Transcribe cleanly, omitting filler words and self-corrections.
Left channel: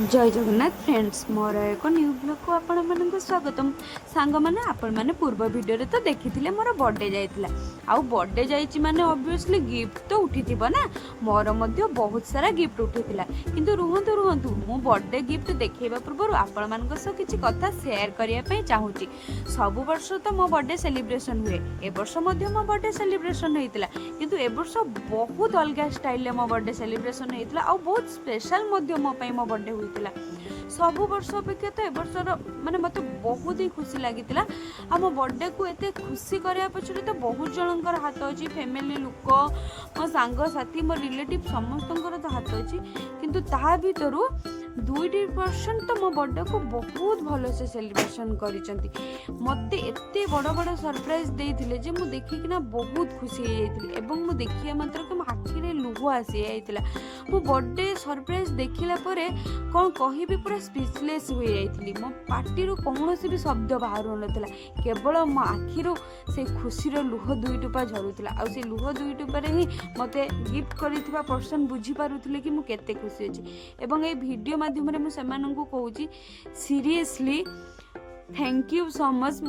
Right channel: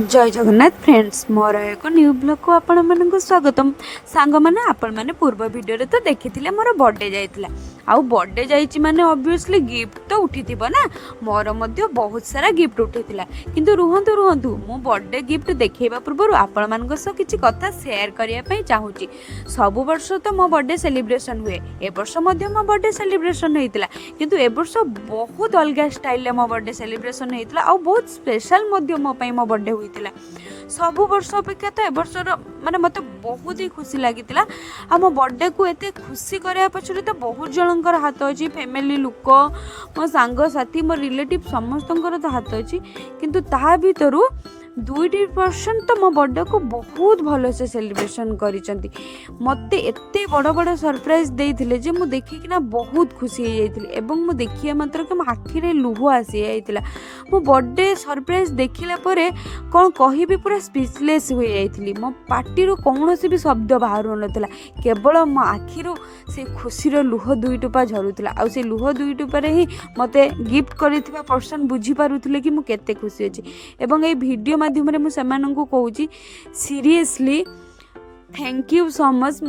जय जगन्नाथ फ्रेंड्स मोर एक new blog को आपण मानक स्वागतम सांग मैंने आपण मैंने पूर्व वीडियो रे तो देखी मोर बर्थडे जाइतिला आउ बर्थडे जाइछि माने ऑब्वियसली गिफ्ट तो उठीथिबो ना मोर मध्य बहुत सारा गिफ्ट उठीथिला किंतु रुहंतु रुहंतु मु बर्थडे गिफ्ट देखैबा पूर्व आपण मानक सह किछि कथा शेयर करिया पई चाहूची। सब वर्ष तो मो बर्थडे सेलिब्रेशन हुए ए वर्ष मध्य मो बर्थडे सेलिब्रेशन होइतिला किंतु ए वर्ष बहुत अलग स्टाइल मो बर्थडे सेलिब्रेशन होइतिला आउ बहुत स्पेशल मध्य मो पई मो बर्थडे होइतिला। सब वर्ष अपेक्षा तो ए वर्षर माने मते बहुत ही खुशी लागितिला आ मो बर्थडे को एते खुशी करया पछरे तो बहुत जनकर हाथ अछि फैमिली लोक मो सांग साथी मो रिलेटिव समस्तंकर तो हाथ अछि किंतु ता भीतरु 2% तो मो बर्थडे को बहुत भल से सेलिब्रेशन करिसंती। मते एते बड़ बड़ सरप्राइज देइथिले जे मु देखिकिना बहुत खुशी हो जाइथिले एवं मु देखिया मात्र के मो आखि रे लुह आसी जाइथिला। मो बर्थडे सरप्राइज देखिला परे कोन कहिबी पूरा स्पीचलेस हो जाइथिली। मो पार्टी रो कोनोसी भी शब्द बाहर नथला केवल मो आखि रो से खुशी रो लुह दुई टोपा झरुथला आ से लुह दुई टोपारे ही मते गिफ्ट करिथिबा पर्सन बुझी पारुथिले कि मु केते खुशी अछि एवं ए वीडियो माध्यम रे मु सेमानंकु कहूची seriously thank you so much.